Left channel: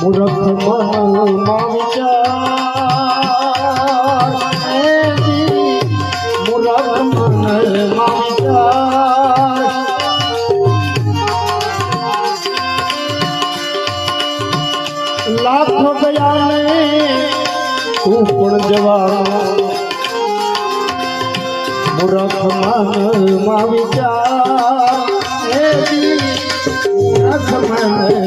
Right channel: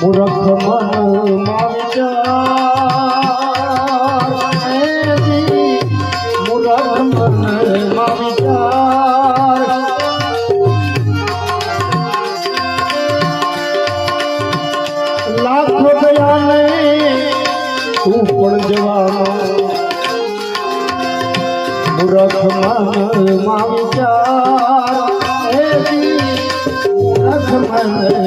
મૂર્ખ મન જી, મૂર્ખ લાખો ગયા ને તું પણ જવાનો મૂર્ખ મનમાં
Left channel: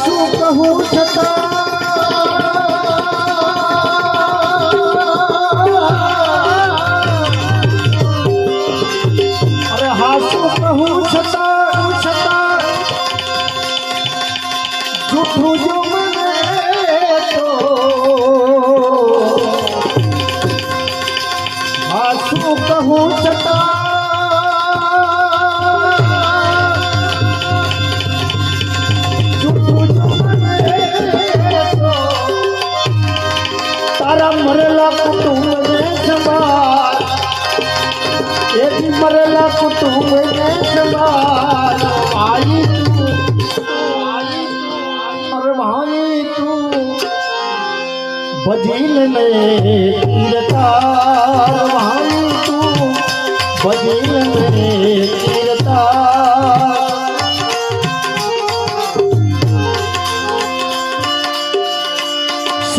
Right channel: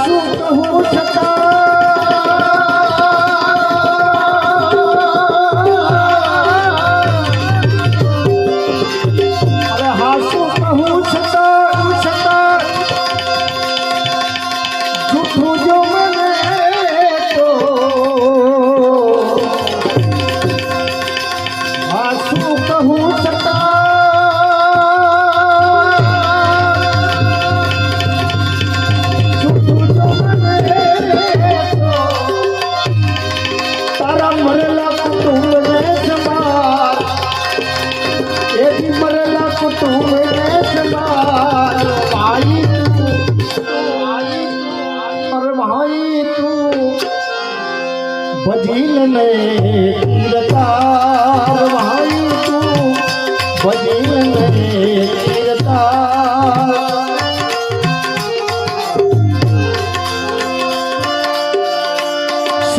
હાસું કહું છતાં તારા મરેલા કુટુંબને સંભાળ એથી મરેલા કુટુંબને સંભાળ ભાઈ તું અરે ભાઈ તું ભજીલ ને તીરતાર ભાઈ તું ભજીલ ને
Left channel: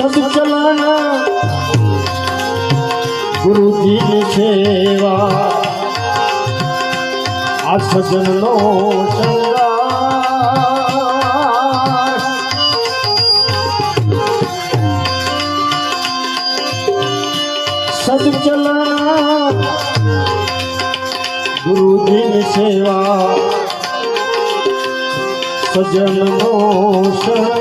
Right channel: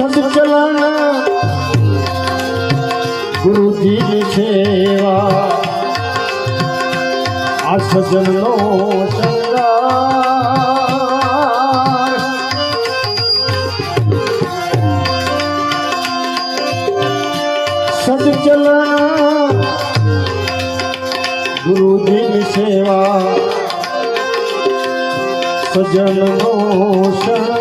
સદચલન ગુરુજીની સેવા આ સજનનો સદચલન ગુરુજીની સેવા સજનનો શૃંગાર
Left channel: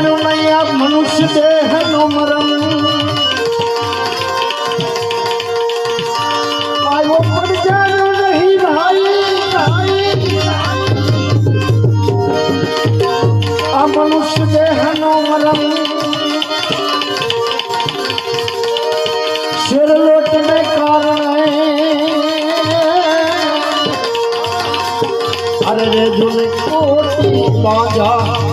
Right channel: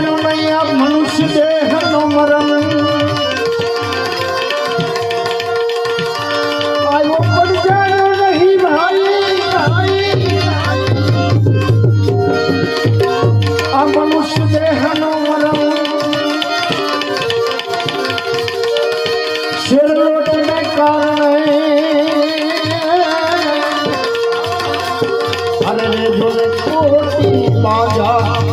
માણ્યું નહીં આ મનુષ્ય દેહનો મરણ. આવ્યો પડજાનો નહીં ભાઈ ભાઈ. આ મનુષ્ય દેહનો મરણ. શિરલોટને કારણે. અરે જોને કોટી બાજા.